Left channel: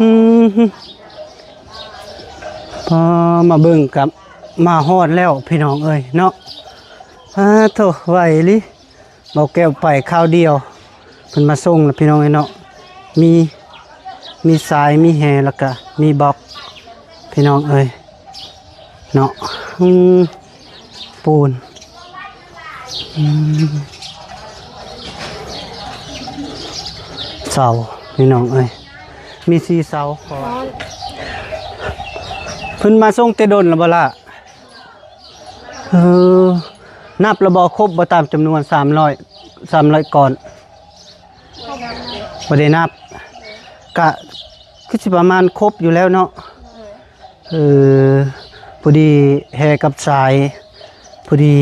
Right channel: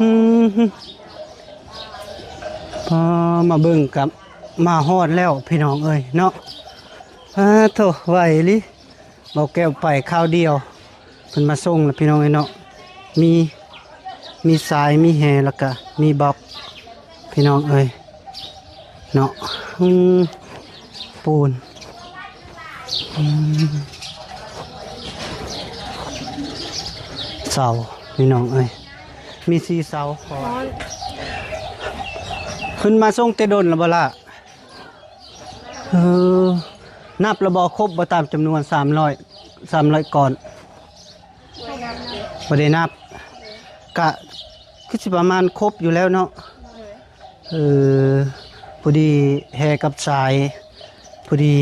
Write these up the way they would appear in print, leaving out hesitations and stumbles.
อืมพอมาเบิ่งกับมาฮอดแล้วพี่น้องเอ้ยเนาะโถไหวลิเบาแก้วไปข้าวเดียวเพิ่นมาส่งแล้วพี่น้องเอ้ยเนาะมีสายมีแหแล้วก็มีบล็อกพี่น้องเอ้ยเนาะปูนเสาพี่น้องเอ้ยมี4 เสาพอเพิ่นมาส่งแต่ดนแล้วบ่ล่ะนับระบอครบบ่ตามจำนวน300ก่อนบ่ได้นับกะคือสิประมาณครบอยู่แล้วเนาะพอดีแฮกับสายพอดี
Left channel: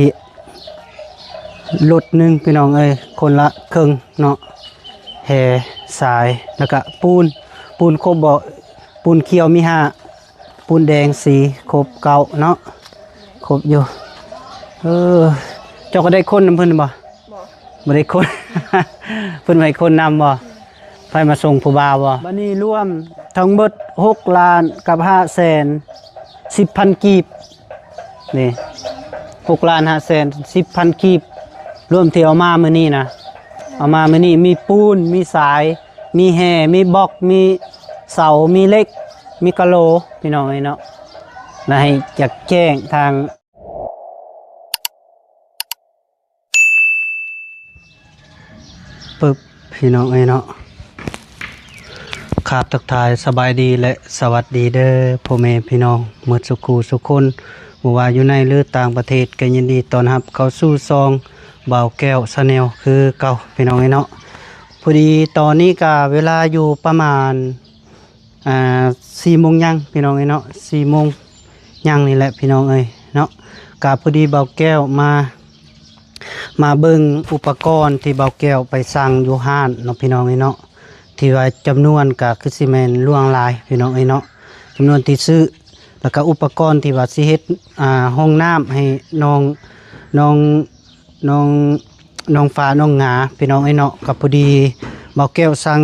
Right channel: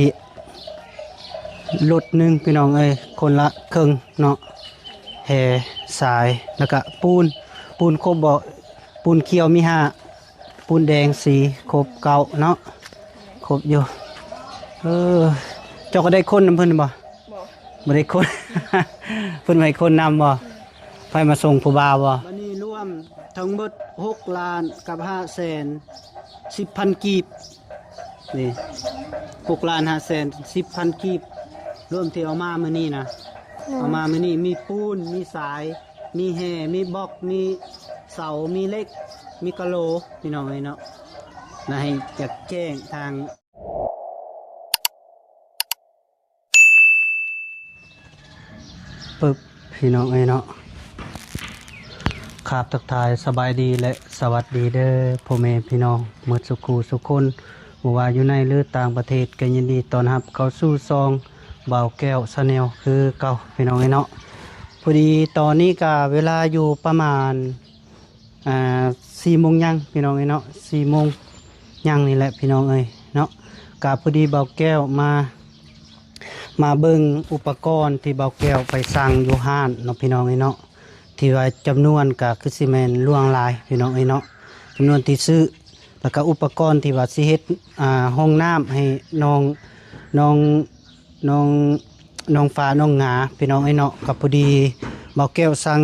รถหนึ่งพี่น้องเอ้ยคนละครึ่งเนาะแฮสายแล้วก็ปูนครบบ่ปูนเขียวมี5ปูนแดงสีครบ9เนาะครบอยู่เจ้าก็ได้คนนำเพิ่นบ่บ่ได้คน เพิ่นให้คนนำบ่ไปมาส่งผู้บ่าวบ่บัดนี้รวมทั้งหมด6 ล้านกับ5 แสน 10,000 กีบนี่6 ล้าน 5 แสน 10,000 กีบรวมที่เอามามื้อนี้นะเอามามื้อนี้มีปูนมีสายมีแห่มีบล็อกมีเสามีเหล็กมีกะโหลพี่น้องเนาะแล้วให้จักแจ้งทางปึ๊บพี่น้องเนาะครับทักทายสบายดีและสวัสดีเด้อพ่อแม่พี่น้องหมดสุขูสุคนบ่ว่าอยู่ในหรือต่างประเทศก็ยินดีต้อนรับเข้าสู่ซองบ่าวแก้วชาแนลคือเก่าพี่น้องเนาะพอดีตอนนี้ก็เวลาอยู่ประมาณ4 โมงยังพี่น้องเนาะ4 โมงยังนี่แหละพี่น้องเนาะก็พอดีบ่าวแก้วมาเบิ่งอุปกรณ์ที่บ่าวแก้วไปสั่งอยู่ห้านเนาะพี่น้องเนาะที่ว่าจำนวนก็คือสิแม่นล่วงหลายพี่น้องเนาะจำนวนที่ซื้อแล้วก็อุปกรณ์ที่ว่าสิเฮ็ดห้องน้ำให้น้องฟ้าน้องหงาพี่น้องเนาะก็พอดีบ่าวแก้วสั่ง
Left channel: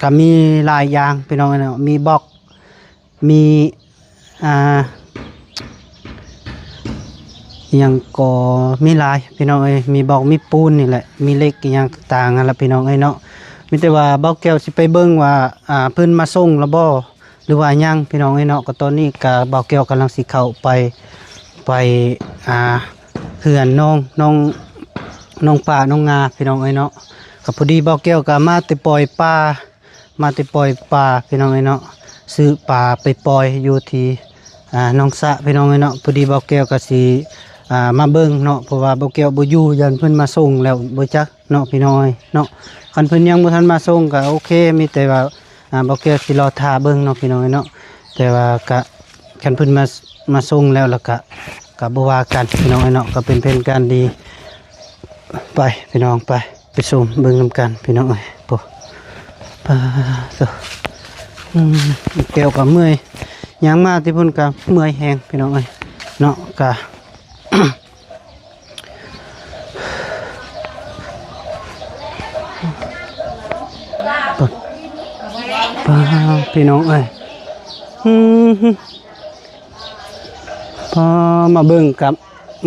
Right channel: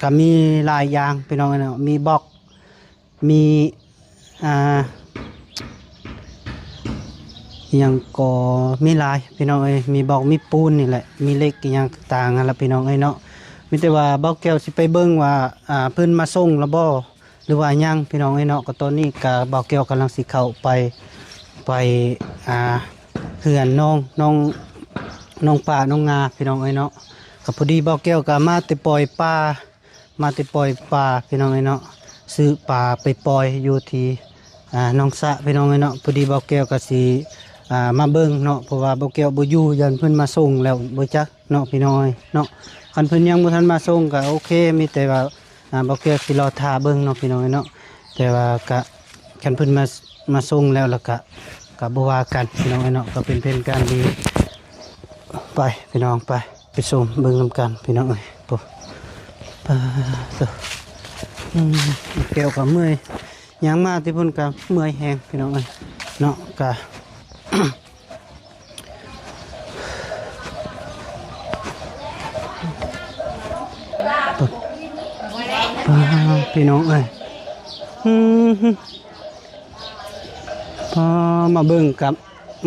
ก็มีหลายอย่างพี่น้องเนาะมีบล็อกมียังก็มีหลายพี่น้องมีบล็อกมีปูนนี่แหละมีเหล็กอย่างต่างๆนั่นล่ะพี่น้องเนาะมีแต่ว่าบ่าวแก้วสิไปเบิ่งว่าเพิ่นมาส่งแล้วบ่หรือว่ายังพี่น้องเนาะก็ตอนนี้ก็บ่าวแก้วกำลังสิเข้าไปเฮือนน้องป่าน้องงาพี่น้องเนาะก็พอดีบ่าวแก้วก็มาแต่ปล่อยปลาพี่น้องเนาะซื้อปลาไปปล่อยอยู่ที่น้องสะพี่น้องเนาะพอดีบ่าวแก้วก็สิมาเบิ่งเนาะเพราะว่าบ่าวแก้วบ่อยู่ยันเพิ่นมาส่งแล้วบ่จักเนาะพี่น้องเนาะคันเพิ่นยังบ่ทันมาส่งก็โอเคมีแต่ว่าบ่าวแก้วสิรอท่าเบิ่งเนาะพี่น้องเนาะแต่ว่าก็คันเพิ่นมาส่งแล้วก็บ่ว่ากันพี่น้องเนาะก็เป็นการดีไปพี่น้องไปส่งเบิ่งนำกันพี่น้องปุ๊ปะแก้วก็เมื่อยยังมาที่พุ่นก็เมื่อยแฮงพี่น้องเนาะก็พี่น้องพอมาเบิ่งกับ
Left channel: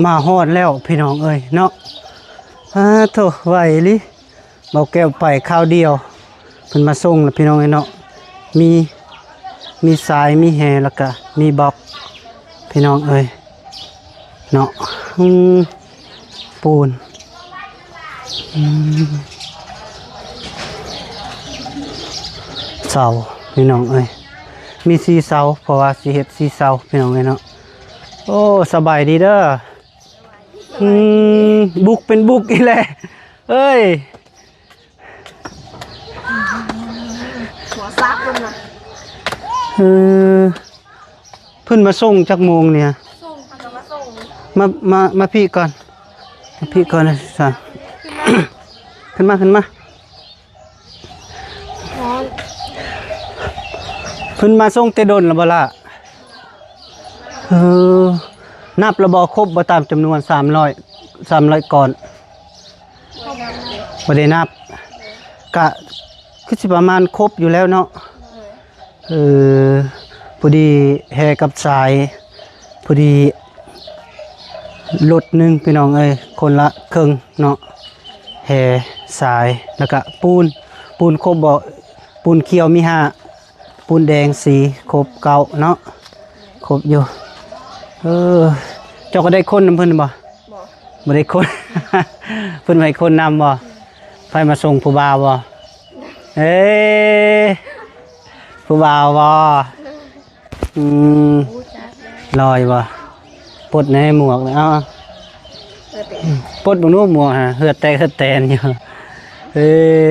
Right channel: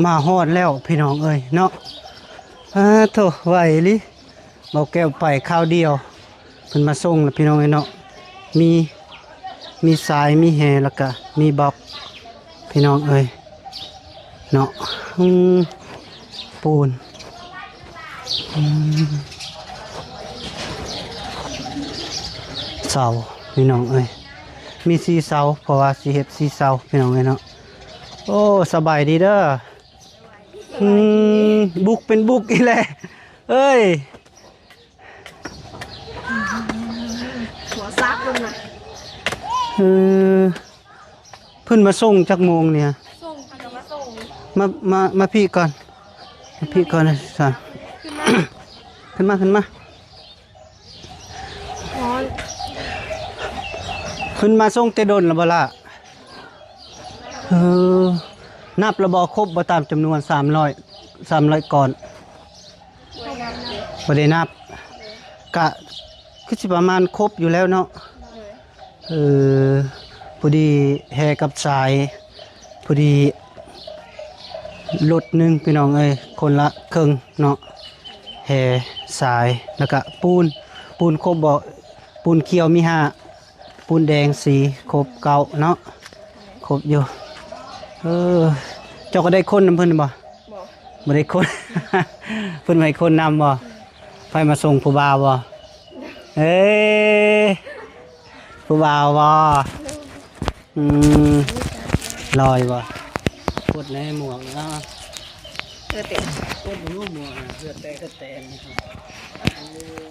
มาฮอดแล้วพี่น้องเนาะโถไหวลิเบาแก้วไปข้าวเดียวเพิ่นมาส่งแล้วพี่น้องเนาะมีสายมีแหแล้วก็มีบล็อกพี่น้องเนาะปูนเสาพี่น้องมี4 เสาเพราะว่าสิเฮ็ด4 เสาพี่น้องเนาะโอ้สบายดีเด้อบุกเป็นบุกอีแหละเอ้ยหัวซักเลยเพิ่นมาส่งจักโมงเนี่ยส่งค่ะมาส่งมาพี่ก่อนนะสั่งขึ้นมาเพิ่นมาส่งแต่ดนแล้วบ่ล่ะนับระบอครบบ่ตามจำนวน300ก่อนบ่ได้นับกะคือสิประมาณครบอยู่แล้วเนาะ เออพอดีแห่กับสายพอดีรถหนึงพี่น้องเอ้ยคนละครึ่งเนาะแห่สายแล้วก็ปูนครบบ่ปูนเขียวมีห้าปูนแดงสีครบเก้าเนาะครบอยู่เออเจ้าก็ได้คนนำเพิ่นบ่บ่ได้คน เพิ่นให้คนนำบ่ไฟมาส่งผู้บ่าวบ่เอ้ยผู้บ่าวบ่อืมลอยบ่ปลดในหมวกเอาปลดบ่นู้หมวกฮะเหือดแตกเหือดแตนอยู่เอ้ย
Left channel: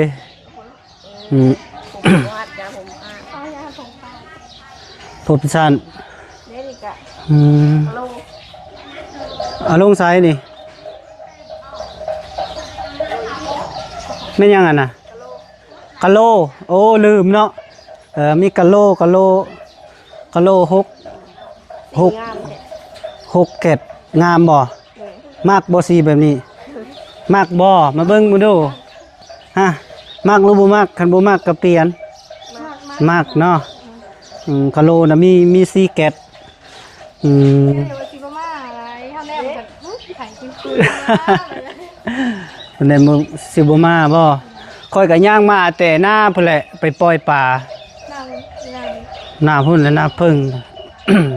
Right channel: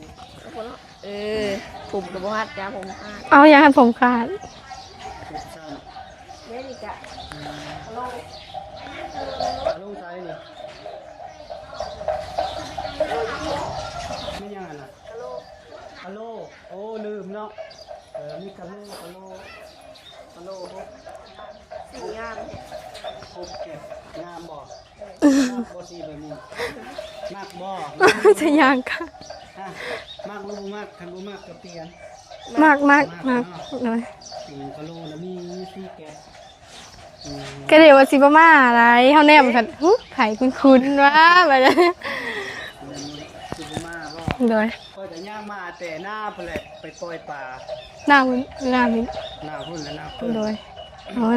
ผมวาดยาผม เอายาหันผมขาด ผมสั้นเอาลงไซส์นี่ไม่ยังอ่ะนะกะโลโอ้ลืมเนาะมีกะโลหกเกตงามบ่มากบ่สีแบบนี้มากบ่มาเบิ่งมาดูฮะมากหรือบ่มากคันบ่มากก็เปลี่ยนมากเนาะกะโลนะมีสีเกตก็เดี๋ยวว่าสิบ่มาอะไรเฮาแนมกันไผคุณว่าแบบนี้มันได้มื้อสิบ่มาบ่ค่อยก็ย่างมาแต่หน้าพุ่นแหละไปปล่อยปลาหน้าพุ่นและหน้าพึ่ง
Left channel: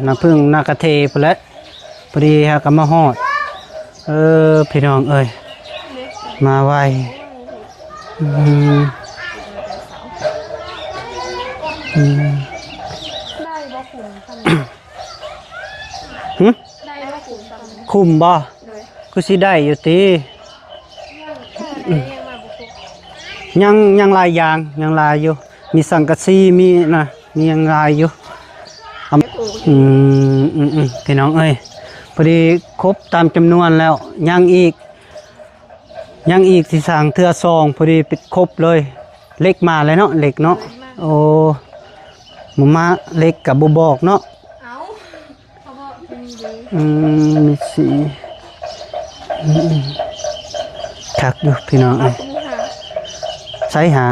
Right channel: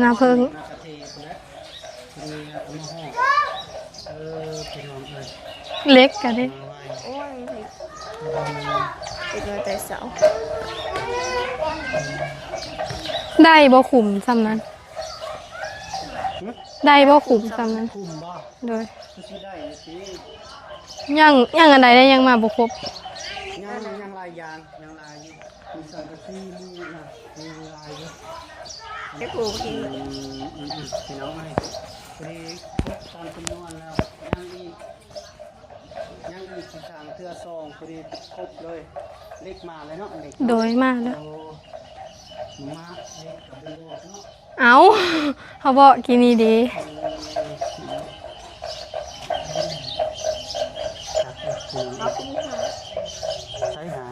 หน้าพึ่งหน้ากระเทพุ่นแหละพอดีฮะก็มาฮอดพี่น้องเอ้ยเล็กกันมาไวได้บ่ขุมซ้ำได้บ่ขุมซ้ำคุมบ่ก็สิได้อยู่ติยังอันใดได้ยังมาบ่ครบยังหลายอย่างยังหลายอยู่มีสังกะสีมีนะมียังหลายอยู่พี่น้องเอ้ยพอดีครบตามจำนวนแล้วยังอีกที่สั่งเทื่อซองพอดีปิดครบเลยเล็กมาเลยเนาะเล็กเนาะโอ้หมูมาเล็กกับบ่บอกเนาะเอาเขาบอกกินนี่ดีมีสีคักอยู่พี่น้องใช้หา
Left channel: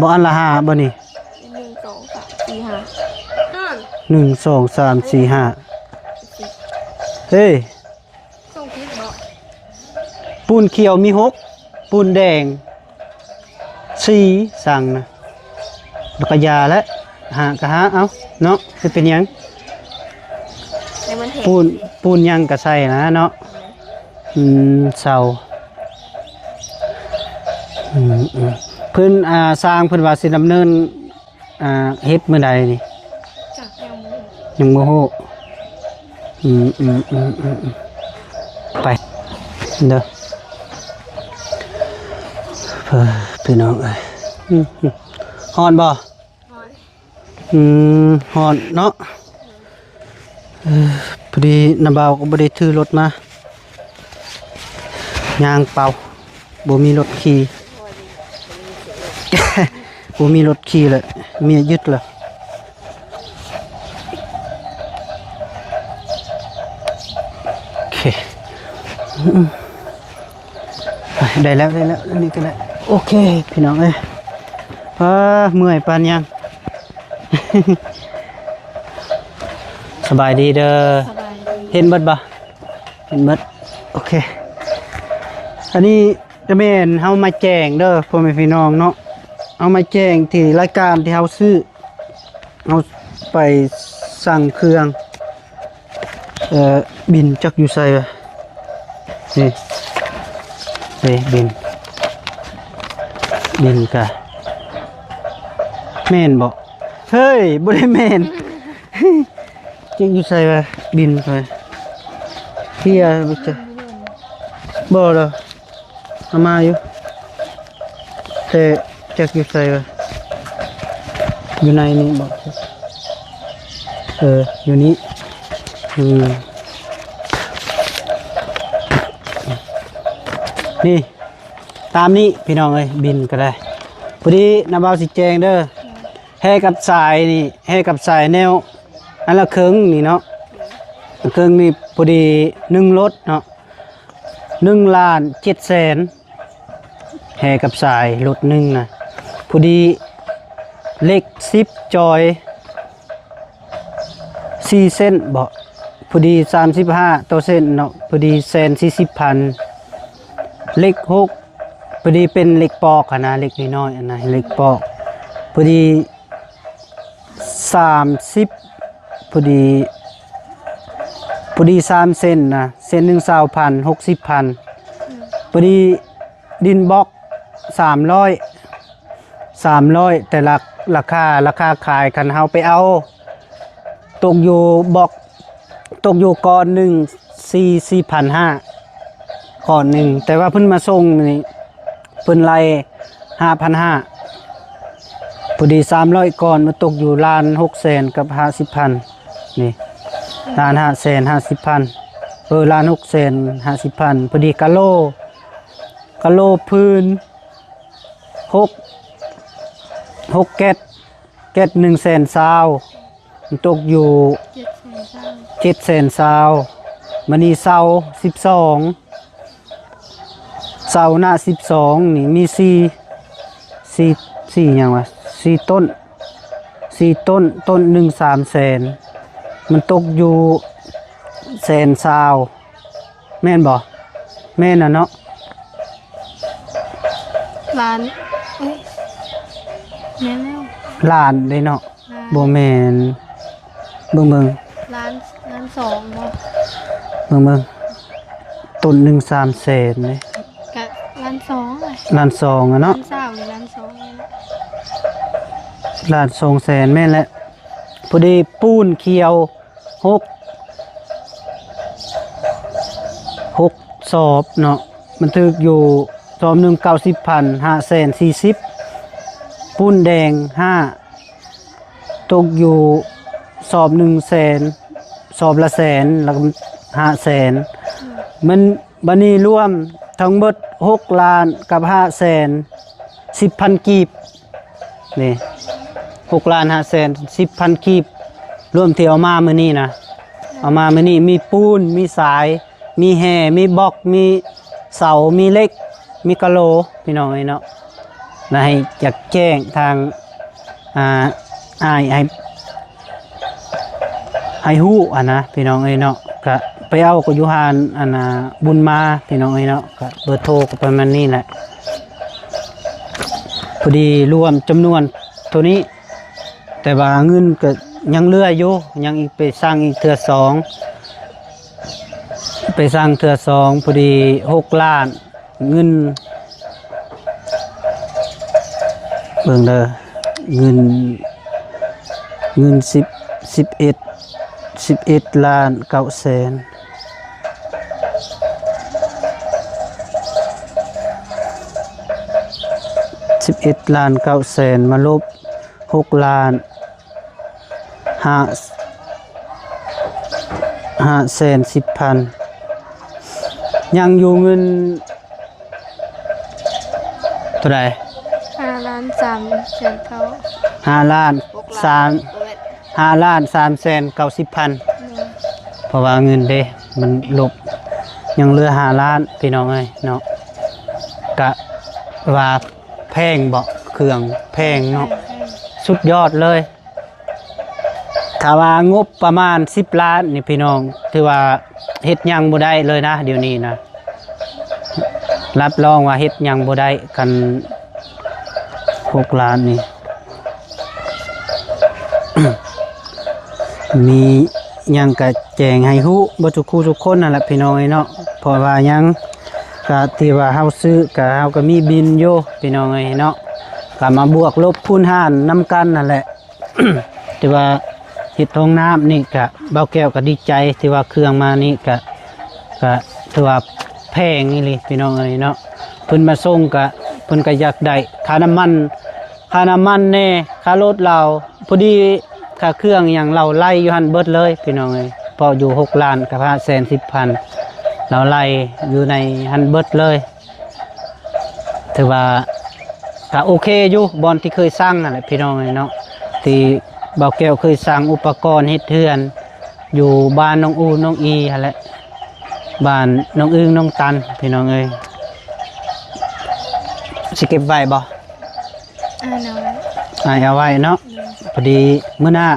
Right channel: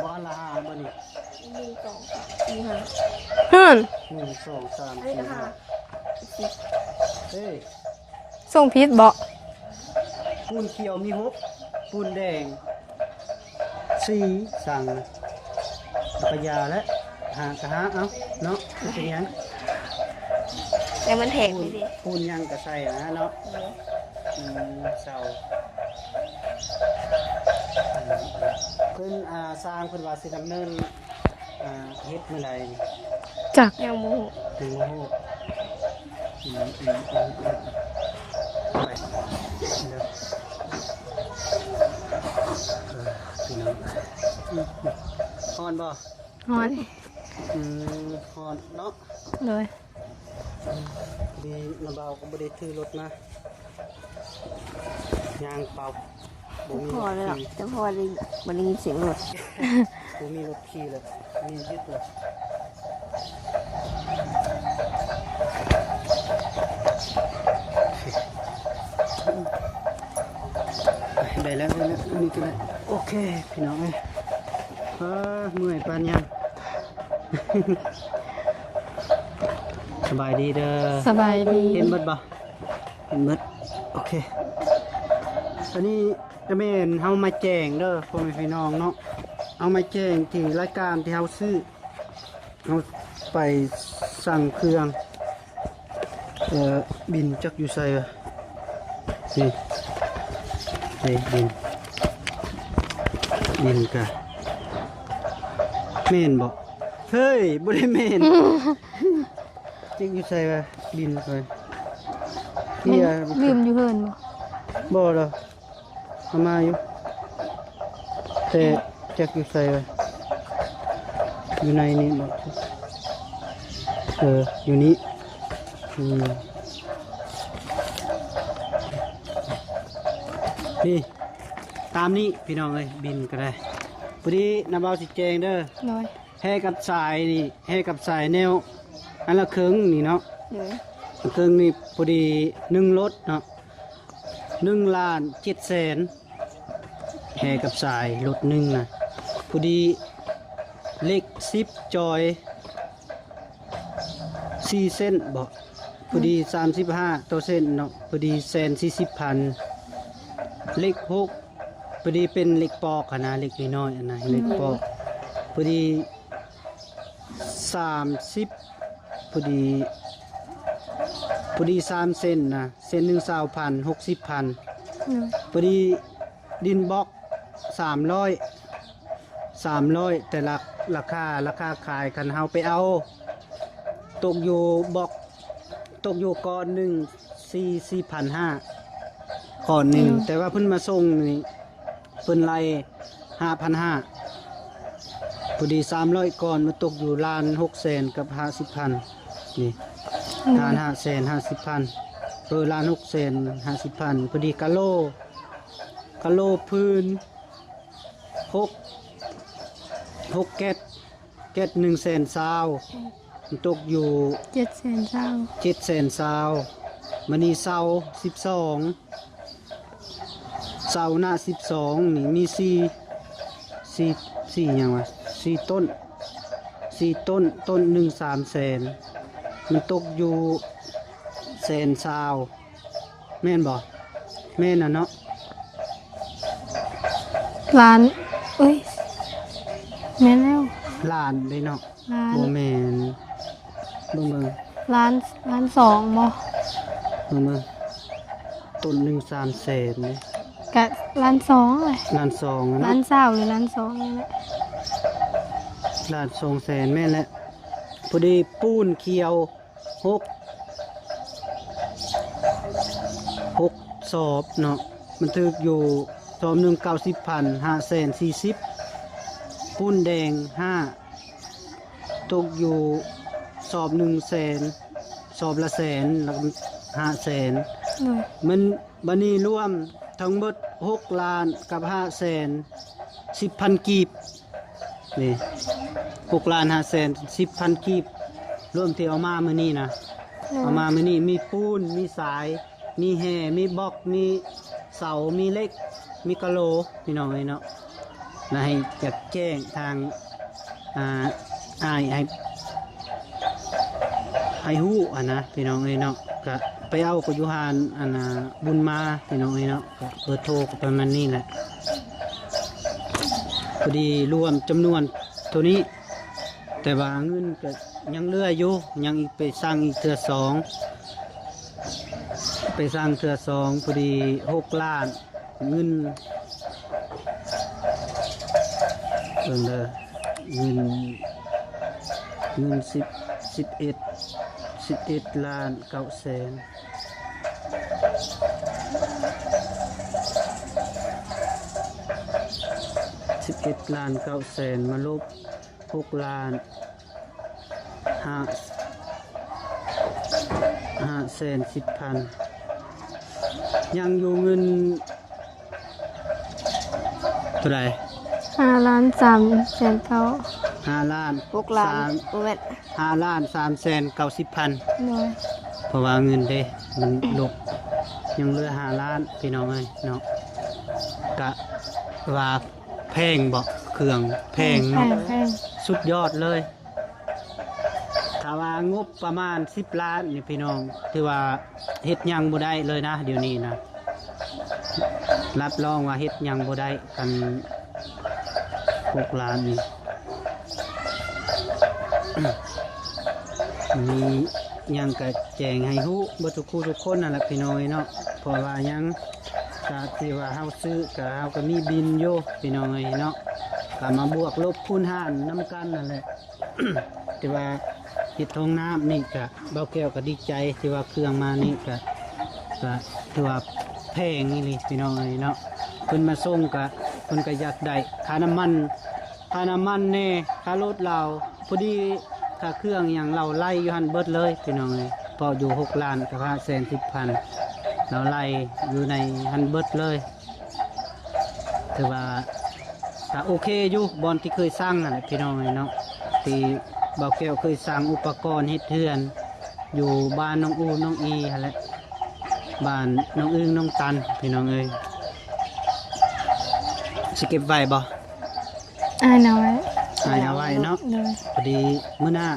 บ่อันละ5บ่นี่1 2 3 4 5เฮ้ยส่งพิษบ่ปูนเขียวมี6ปูนแดง4สั่งนะแล้วก็ยาและหเอาเนาะจะเป็นยังปูนยังก็ใส่นะเนาะเสาเพิ่นสร้างเพิ่นว่าสิดำเนินเฮ็ดมื้อใดนี่จักยังบ่ฮู้ไปเด้อพี่น้องเอ้ยฮ้อนบ่ฮ้อนฮ้อนเนาะเลยพอดีน้าบ่าวก็บ่ได้ถือรถมายางเป่าบ่มีรถขี่บ่มีรถขี่เลยมียึดเลยโอเคได้แล้วนี่ก็ได้โอเคพี่น้องเอ้ยเมื่อยปานยังสบายดีเด้อสบายดีเห็นเบิดบ่เห็นเบิดโอเคอันนี้จะแม่นเฮามาแจ้งเด้อพ่อแม่พี่น้องเนาะเอามาแจ้งที่รายการที่เฮาซื้อเอาไปสั่งเครื่องบินจักอยู่ไสวะนี่บินกะแม่นบ่เฮ้ยบ่ได้แม่นจักอยู่ไสวะบินไปเฮียบินอยู่เพิ่นบ่ล่ะเอามาอยู่แต่จักอยู่ไสวะอยู่ในนี่บ่อยู่นี่นี่ตามนี้พี่น้องเอ้ยบินก็ได้พอดีน้าบ่าวสิแจงเด้อแห่กับสายนี่แห่กับสายแนวอันละครึ่งนี่เนาะครึ่งนี่พอดี1รถเนาะ1,700,000แห่กับสายรถนึงนะพอดี เลข10จอย4เส้นบ่พอดี35ตัวเส้นเนาะพอดี140,000เลข6พอดีเป็นเลขปอกอะนะเลขน้อยๆอันนะเลขปอกพอดี30พอดี3เส้นนะเส้นหนึ่ง20,000 60,000พอดีดินบล็อก300แต่ราคาขายกันเฮาไปเอาตกอยู่บล็อกตกอยู่ก้อนหนึ่ง4,500ก้อนหนึ่งแต่ว่าเพิ่นมาส่งนี่เพิ่นไล่5,500พอดี300ก้อนมาตกอยู่ล้าน6แสนกับ50,000นี่ล้าน5แสน50,000ล้าน6แสน50,000พอดีกะโลพื้น6แก๊ส1แสนซาวมันตกอยู่7แสนซาวมันนี่เสา12เสาหน้า12นี่มี4อย่างวะ4ต้นต้นหนึ่ง3แสนมันตกอยู่แสนซาวแม่นบ่แม่นน่ะเนาะล้านเอ้ยแม่นแล้ว ล้านเลยเนาะบ่แม่นเบิ่งล้านสองบ่เบิ่งต้นหนึ่ง3แสนเลยกะล้านสองเลย ล้าน2อะเนาะล้านสาวหรือล้านสองนี่แหละ ล้าน2แสนแม่นแหละพอดีปูนเขียว6สอบเนาะมันถึกอยู่สอบหนึ่ง90,000 540,000ปูนแดง5ตกอยู่สอบ1แสนสอบละแสนแล้วก็5แสนมันบัดนี้รวมทั้งหมด6ล้านกับ5แสน10,000กีบนี่6ล้าน5แสน10,000กีบรวมที่เอามามื้อนี้นะเอามามื้อนี้มีปูนมีสายมีแห่มีบล็อกมีเสามีเหล็กมีกะโหลพี่น้องเนาะนะให้อยากแจ้งทางให้ฮู้นะพี่น้องเนาะก็ไปเอาก็อยู่หานบุญมาพี่น้องเนาะก็เบอร์โทรก็ประมาณนี้แหละพอดีรวมจำนวนเท่านี้แต่ว่าเงินก็ยังเหลืออยู่ยังอีกไปสร้างอีกเทื่อ2พอดี6ล้านเงินเบิ่งเด้อเงิน11ล้าน9แสน11ล้าน9แสนมาลบ6ล้าน5แสน10,000ยังอยู่เงินเท่าไหร่5ล้าน3แสนเท่า5ล้าน6ล้าน5ล้าน3แสน90,000เพราะว่าเงินเด้มันลบยังเหลือ5ล้านพี่น้องเอ้ยเนาะกะว่าแพงบ่เครื่องแพงเนาะสุดยอดเลยถ้าว่างบประมาณ10ล้านนี่พี่น้องถือว่าเฮ็ดหยังบ่ได้เลยนะเดี๋ยวนี้นะรับรองว่าเฮ็ดหยังบ่ได้กัน6ล้านนี่ มีหยังก็แจ้งให้ฮู้บ่ทุกคู่ทุกคนนั่นแหละพี่น้องเนาะเพราะว่าหยังก็ที่ว่าเฮาซื้อก็เฮาก็มีบินอยู่พี่น้องเนาะก็มาบวกลบคูณหารนำกันนั่นแหละ ที่ว่าเฮ็ดท้องน้ำนี่ก็เบาแก้วก็ดีใจที่ว่าเครื่องมานี่ก็ถือว่าแพงนี่เลยพี่น้องเนาะเพิ่นมาส่งก็เพิ่นก็อยากได้ค่าน้ำมันแน่ค่ารถเราพอดีค่าเครื่องอย่างเราไล่อยู่หันเบิดเลยพี่น้องพออยู่6ล้านกับ510,000เราไล่อยู่ในหันเบิดเลยถือว่าก็โอเคอยู่บอนที่เคยสร้างนั่นแหละพี่น้องเนาะที่เบาแก้วเคยสร้างอุปกรณ์เฮ็ดเทือนอยู่บ้านน้องอูน้องอีหั่นแหละบ้านน้องอึ้งน้องตันพี่น้องสิเก็บไว้บ่เอาไว้ เอาไว้เนาะพอดีมื้อหน้า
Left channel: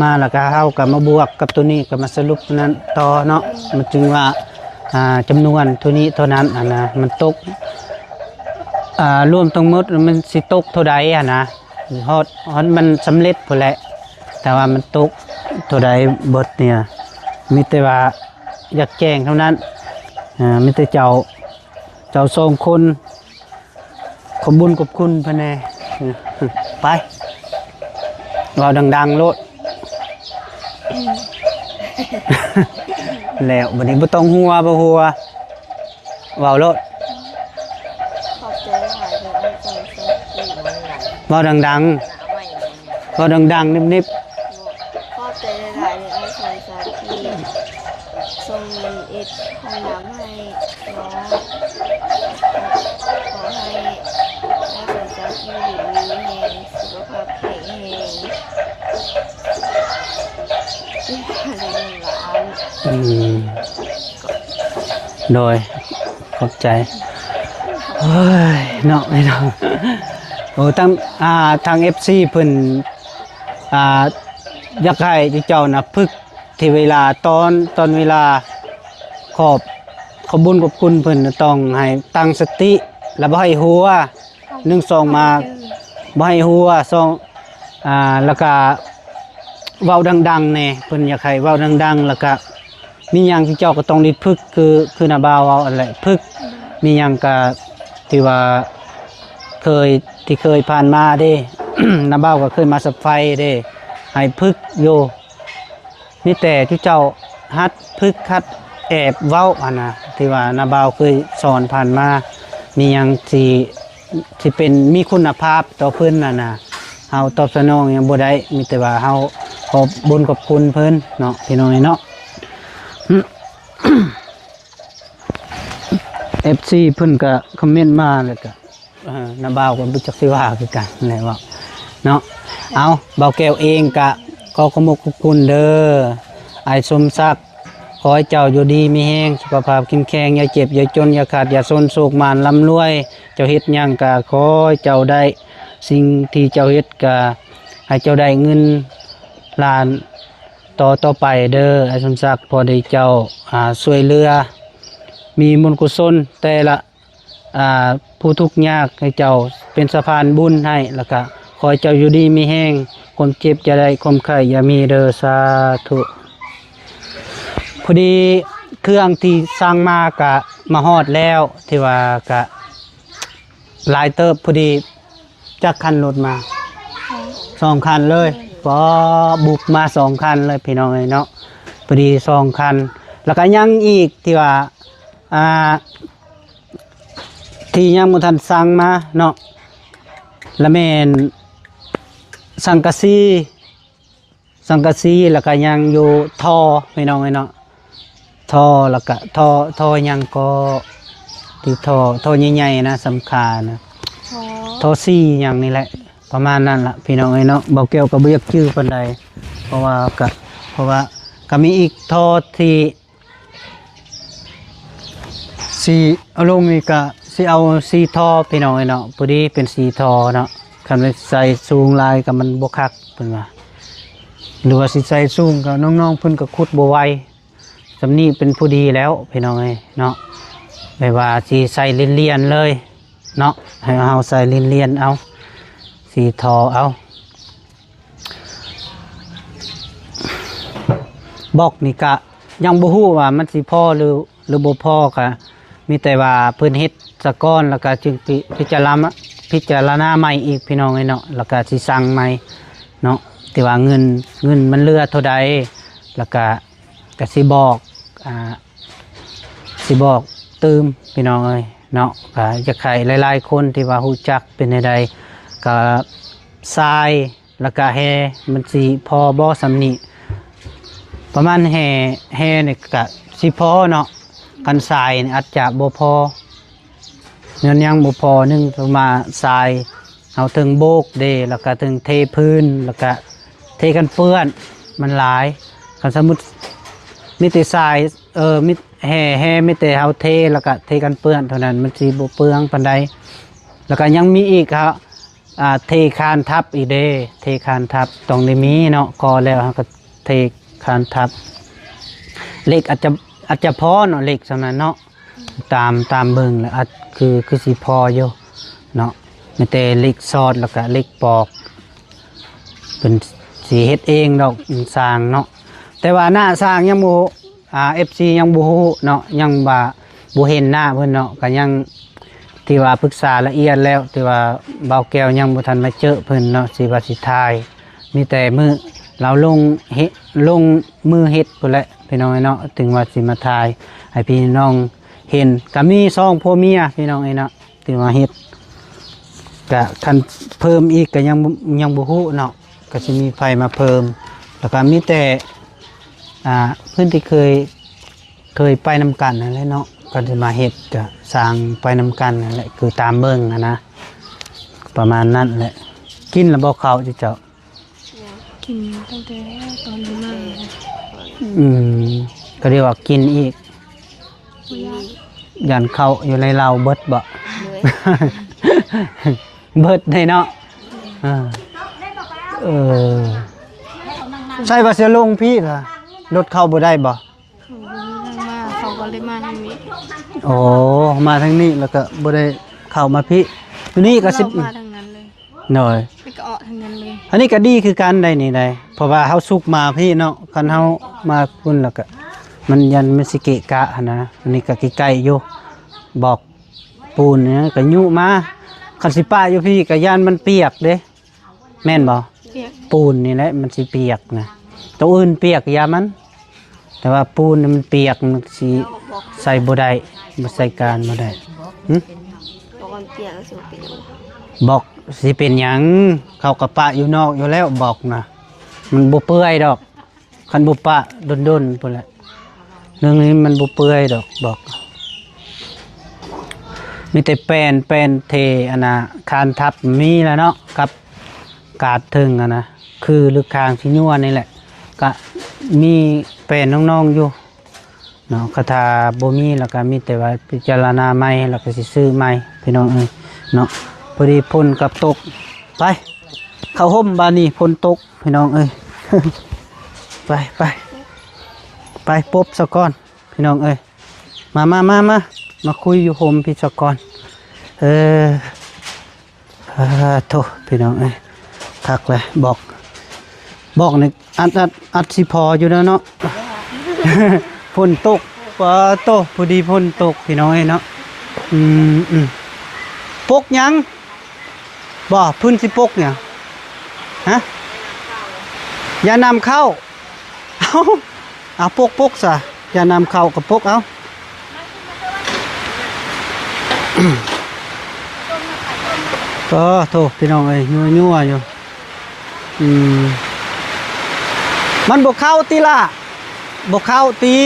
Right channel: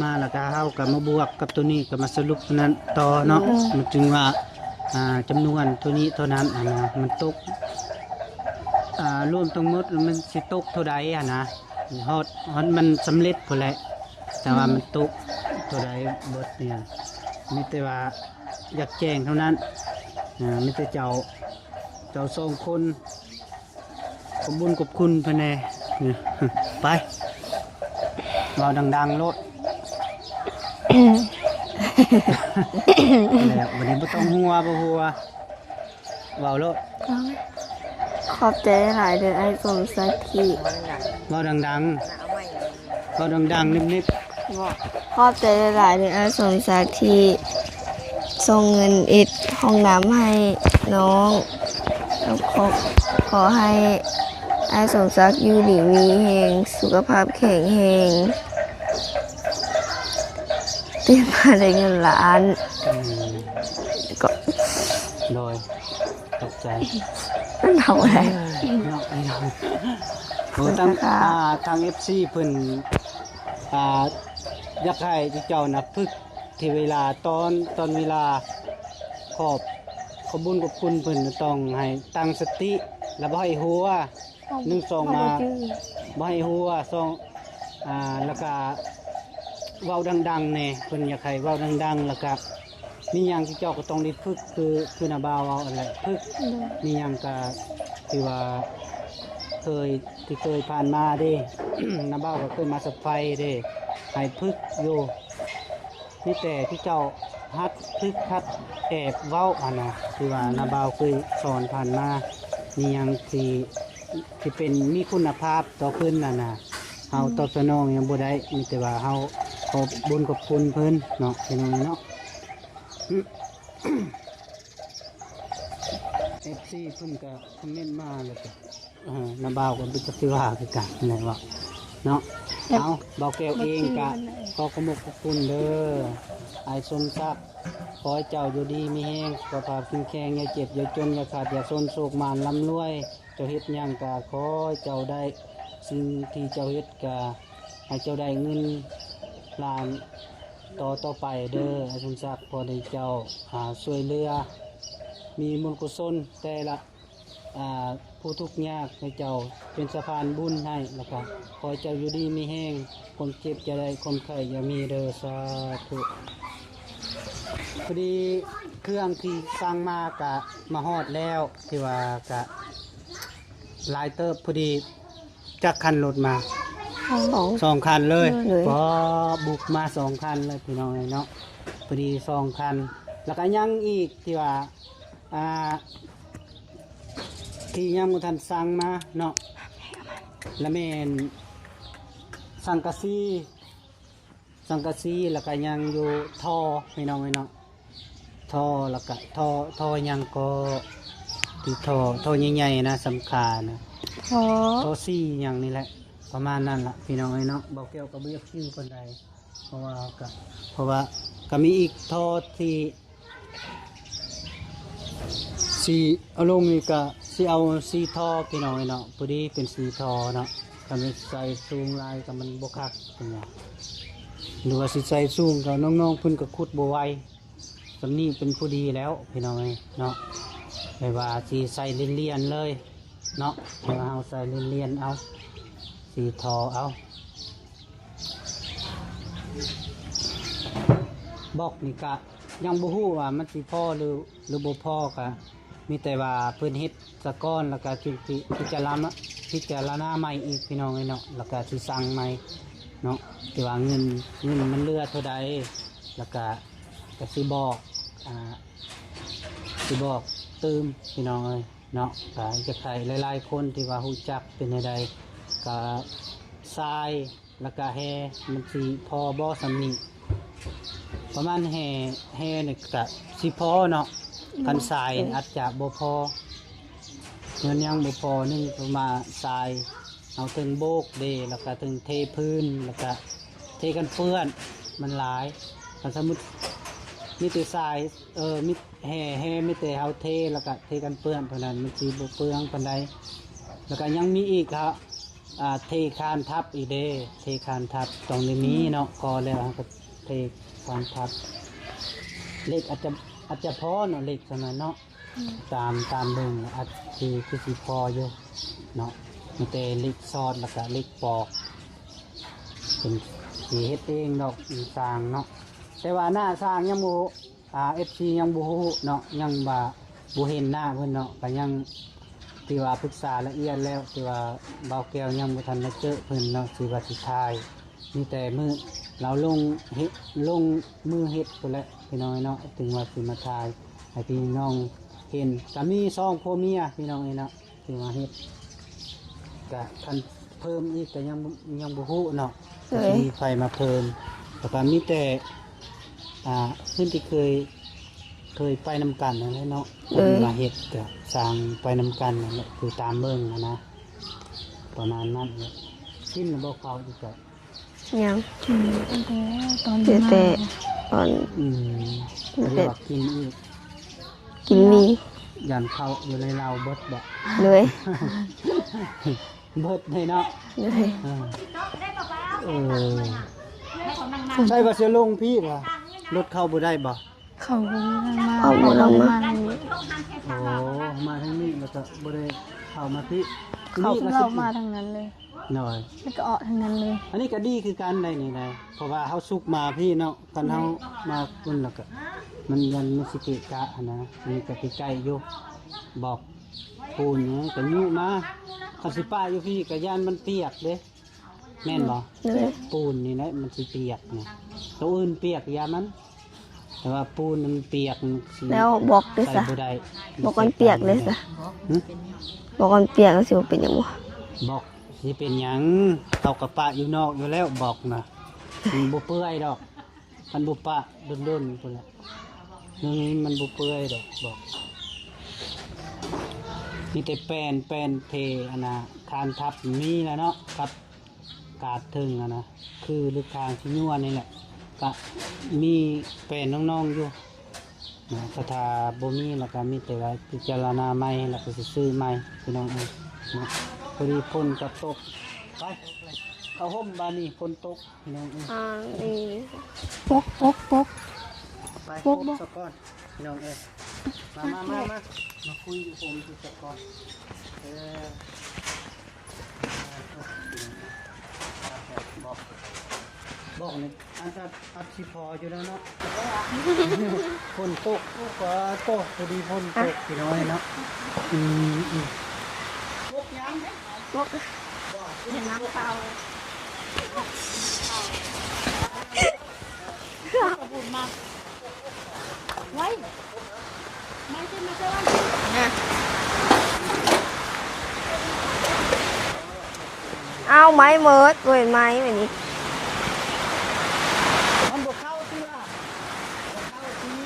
มาแล้วก็เฮาก็มาบวกกับตัวนี้ก็มาสรุปนั้นต่อเนาะมันจึงว่าจำนวนเท่านี้เท่านั้นนะมันตกรวมทั้งหมดมันสิตกเท่าใดนะฮอดมันสำเร็จพุ่นแหละแต่ว่ามันตกเท่าใดเบิดเนี่ยมีแต่ว่าอยากแจ้งเท่านั้นมีแต่เจ้าส่งคนขอบบุญขอบคุณเพิ่นแน่ไปเราดังๆโลด แล้วบัดนี้บ่ต้องหัวบ่หัวเว้าโลด ขอบใจหลายเดือนไอ้ส่งสักทีมันหนัก เว้าดัง เอาไว้ ๆเว้าดังๆนิบ บอกขอบใจหลายเดือนไอ้ส่งสักทีส่งเงินอิดห้องน้ำให้น้องแล้วขอให้ไอ้สมศักดิ์อยู่ดีมีแหงสุขภาพแข็งแรงเตี้ยมาได้เงินล้าน ๆก็โดยขอบใจ ทำ เฮ้ยเนาะไม่เนาะโอ้ทาง FC เพิ่นอยากให้เจ้านะฝึกที่เวลาตอนเวลาขอบบุญขอบคุณเพิ่นต้องให้ตั้งสติแล้วบ่ให้หัว1 2มาบ่ให้หัว2แล้วก็เว้าดังๆแน่เพิ่นอยากให้เว้าดังๆแล้วก็มีหยังที่เจ้าก็ต้องได้ฝึกคือนาบ่าวเว้าอะไรฝึกมีหยังก็ที่ว่าเคยผ่านมาเด้ นาบ่าวก็เคยมาสับไฟเด้ให้ฝึกอยู่มีแต่ที่เจ้าฮัดฝึกฮัดแอบเว้านะที่ว่านาบ่าวเคยสอนผ่านมามีหยังที่เป็นมีคุณภาพต่อเพิ่นนะเฮาตอบสนองยังบ่ได้มีแต่ว่าเฮาขอบบุญขอบคุณเพิ่นเนาะพี่น้องเนาะ FC เพิ่นก็คอมเมนต์มาแล้วก็นาบ่าวก็บ่จักสิว่าคือกันนั่นแหละว่าเนาะเอาบ่าวแก้วเองก็ขอขอบคุณเด้ออ้ายสมศักดิ์ขอให้เจ้าอยู่ดีมีแรงสุขภาพเข้มแข็งอย่าเจ็บอย่าจนอย่าขาดอย่าซนโศกมานร่ำรวยเจ้าเฮ็ดหยังก็ขอให้เจ้าได้สิ่งที่เจ้าเฮ็ดก็ให้เจ้าได้เงินล้านต่อไปเด้ออ้ายสมศักดิ์พอได้เจ้าช่วยเหลือมีบุญกุศลแต่ละผู้ทุกข์ยากให้เจ้าเป็นสะพานบุญให้แล้วก็ขอให้เจ้าอยู่ดีมีแห้งความเจ็บจะได้ความไข้อย่ามีเด้อสาธุพอดีเครื่องที่สร้างมากะมาฮอดแล้วที่ว่ากะหลายเติบพอดีจักคันรถมา2 คันเลยพอบุกมา2 คันเลยพี่น้องเนาะพอดี2 คันแล้วก็ยังอีกที่ว่าที่ยังบ่ทันสั่งมาเนาะละแม่นสังกะสีแล้วก็ยังอยู่ท่อพี่น้องเนาะท่อแล้วก็ท่อยังก็ที่ท่อใหญ่ๆนะสำคัญนะท่อซี่อย่างนี้แหละประมาณนั้นล่ะพี่น้องเนาะบ่เกี่ยวกับบ่อยากชื่อปานใดเพราะว่าก็มีอีกท่อที่สีเอาลงนี่ก็สิเอาสีท่อพี่น้องเนาะพอดีเป็นสีท่อเนาะคันไปใส่สูงลายก็มันบ่คักเพิ่นว่าหรือว่าสิใส่สูงก็น้องๆเพิ่นก็ขุดบ่ไหวสำนี้เป็นผู้ดีแล้วพี่น้องเนาะไม่ว่าสิใส่เลียนๆเลยเนาะให้เฮาใส่เลียนๆเอาสีท่อเอาบอกนี่ก็ยังบ่ฮู้ว่ามันสิพอหรือบ่พอก็มีแต่ว่าเพิ่นเฮ็ดซะก่อนแล้วก็จึงพิจารณาใหม่อีกพี่น้องเนาะแล้วก็สิสั่งใหม่เนาะที่ว่าเงินมันเหลือเท่าใดแล้วก็สิบอกเติมพี่น้องเนาะก็จะใครหลายๆคนที่ว่าฮู้จักเป็นใดก็ทรายแล้วก็แฮมันสิพอบ่สำนี้ประมาณแฮนี่ก็สิพอเนาะกันทรายอาจจะบ่พอเงินยังบ่พอนึงประมาณทรายเอาถึงโบกเดแล้วก็ถึงเทพื้นแล้วก็เทกันเปื้อนมันหลายคันสมมุติมีแต่ทรายมีแห่มีแต่เอาเทแล้วก็เทกันเปื้อนเท่านั้นมันสิบ่เปลืองปานใดแล้วก็ยังมีอีกครับ เทคานทับอีเดเทคานทับตรงนี้มีเนาะกอแล้วเราก็เทคานทับเหล็กอาจจะพอเนาะเหล็กสำนั้นเนาะตามเบิ่งแล้วคือสิพออยู่เนาะไม่แต่เหล็กซอดแล้วก็เหล็กปอกเป็นสีเฮ็ดเองดอกสร้างเนาะแต่ว่าหน้าสร้างยังบ่FC ยังบ่ฮู้เนาะยังบ่เห็นหน้าเพิ่นเนาะก็ยังที่ว่าปรึกษาละเอียดแล้วที่ว่าเบาแก้วยังบ่ทันมาเจอเพิ่นเนาะสิว่าสิทายมีแต่มื้อเราลงมือเฮ็ดพุ่นแหละพี่น้องเนาะถึงว่าสิมาทายให้พี่น้องเห็นก็มี2ผัวเมียพี่น้องเนาะที่ว่าเฮ็ดก็คันเพิ่มอีกก็ยังบ่ฮู้เนาะก็สิมีไฟมาเพิ่มแล้วก็มีแต่เพื่อนที่เคยไปนำกันนั่นแหละเนาะก็มาเฮ็ดจะสร้างไปนำกันนั่นแหละคือตามเบิ่งนะประมาณนั้นแหละกินแล้วบ่เข้าจิเจ้า ยัง กินตั้งแต่ตอน เดี๋ยวแต่ตอน ก็เรียกว่ากินอีก กินมี ยันเข้าอยู่ในเราเบิดบ่ เลย เบิดได้เนาะ เลย เออใช่ว่าสิลงพี่ล่ะรถเข้าบ่ได้บ่ เขาบ่ได้มาทางนี้ โอ้มาทางนี้แล้วก็บ่ได้เข้ามาพี่อยู่นี่ก็สิ เรามาทางนั้นเลย หน่อย แล้วก็ออกทางนั้นเลย อันนี้ก็ดีคือกันได้นี่ได้เพราะว่าเฮาสุกมาพี่เนาะคันเฮามาพุ่นแล้วก็มันยันมันสิเกะกะหั่นนะอันนี้ก็ใกล้ๆอยู่บอกปูนเนี่ยก็ยุมาคันสิป้าอยู่พี่ก็ย่านมันเปียกเด้แม่นบ่ เลย ปูนนี่แหละมันสิเปียกนะตัวอื่นเปียกอย่ามัน แต่ว่าปูนนี่มันเปียกมันสิ แล้วบอก ใส่บ่ได้บ่ใส่การบ่ได้หึ บอกมันเปียกแล้วสิว่าเป็นหยังวะ บอกสิเป็นหยังเขากับปะอยู่นอกอยู่แล้วบอกนะมันบ่เปื่อยดอกคันบ่ปะดนๆพุ่นแหละเรื่องนี้มันบ่เปื่อยดอกบอกมีแต่แป้นเทอันน่ะคานทับมีแล้วเนาะกับกาดถึงอันนะคือลึกคางที่ยั่วนี่แหละก็มีแป้นน้องๆอยู่เนาะคาถาบ่มีแล้วก็มีแต่ว่าพิจารณาใหม่แล้วก็สิซื้อใหม่พี่น้องเอ้ยเนาะพอดีพ่นกับตกไปเข้าห่มบานนี้พ่นตกพี่น้องเอ้ย ไปปบซะก่อนพี่น้องเอ้ยมาคุยอยู่ห่มพี่ซะก่อนโทพี่น้องเอ้ยทักเลยบอกนี่อัดสิพออยู่แล้วเนาะ พ่นตกปะโตพอดีพ่นตกพี่น้องเอ้ยเนาะปกหยังบ่พื้นสิปกเนี่ยฮะอย่านำเข้าเอาปกซะอย่านำเข้ากับปกเอาก็โทษพี่น้องเอ้ย เอาไม้ มั่วอยู่ เบิดด้วยไม้แบบนี้ มันบ่เข้าตีล่ะบ่เข้าตี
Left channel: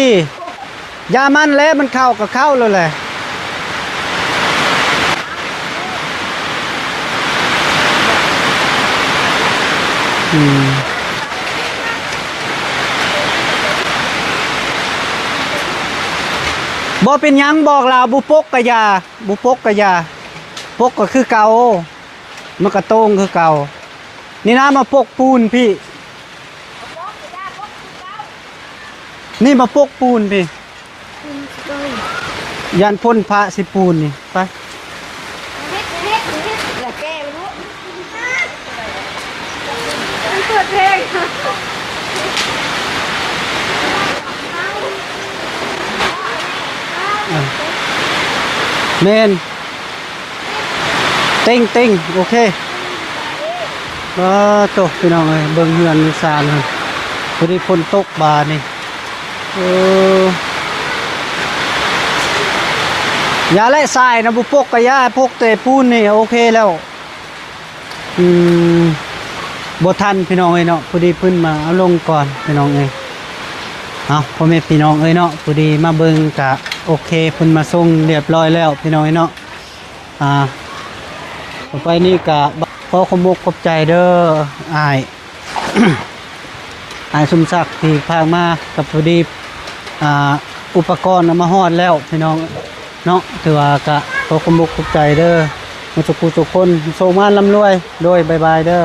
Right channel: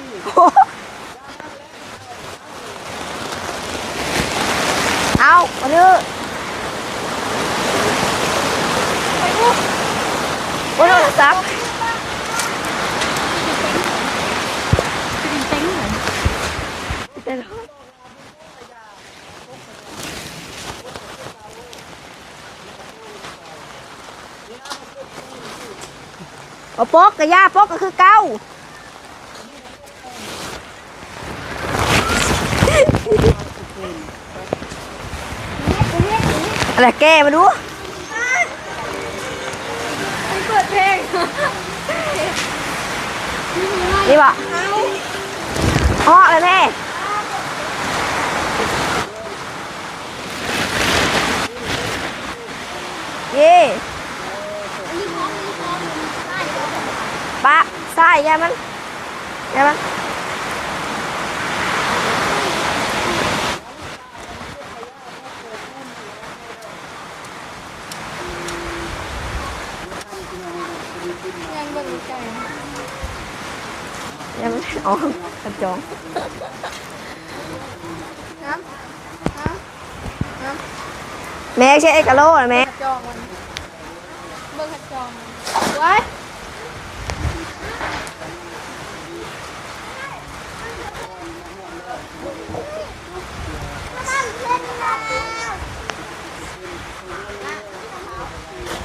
ยามันแล้วมันเข้าก็เข้าเลยแหละ เอาอันนี้โอ้ยจัก บ่เป็นหยังบอกลาวบุปกกะยาบุปกกะยาปกก็คือเก่ามันก็โต้งคือเก่านี่นะมาปกปูนพี่ เอาปกกับยาปกก็คือเก้า นี่มาปกปูนพี่ยันพ่นพระสิปูนนี่ไป อะไรแกมาดูเปิดเพลงดีป่ะพ่อเลยแม่ เมนเต็งโอเค นี่ ตกพี่น้องเอ้ยเบิ่งเฮือนมีซาเลยพอดีฝนตกบาดนี่ยาและทรายนะบุปกกะยาพกแต่ปูนนี่โอเคแล้วบ่ทันพี่น้องเอ้ยเนาะพอดีเพิ่นมาเอาลงก่อนพี่น้องเอ้ยเอาพ่อแม่พี่น้องเอ้ยเนาะพอดีมาเบิ่งกะโอเคเพิ่นมาส่งเรียบร้อยแล้วพี่น้องเอ้ยเนาะแม่ใช่กะโหลกแม่ ขอขอบขอบใจเด้ออ้าย อ้ายสมศักดิ์ที่พามากับพอดีอุปกรณ์เอามาฮอดแล้วพี่น้องเนาะถือว่าก็ขอขอบขอบใจเด้อ มาทุกผู้ทุกคนโชคงานร่ำรวยโดยบายบายเด้อ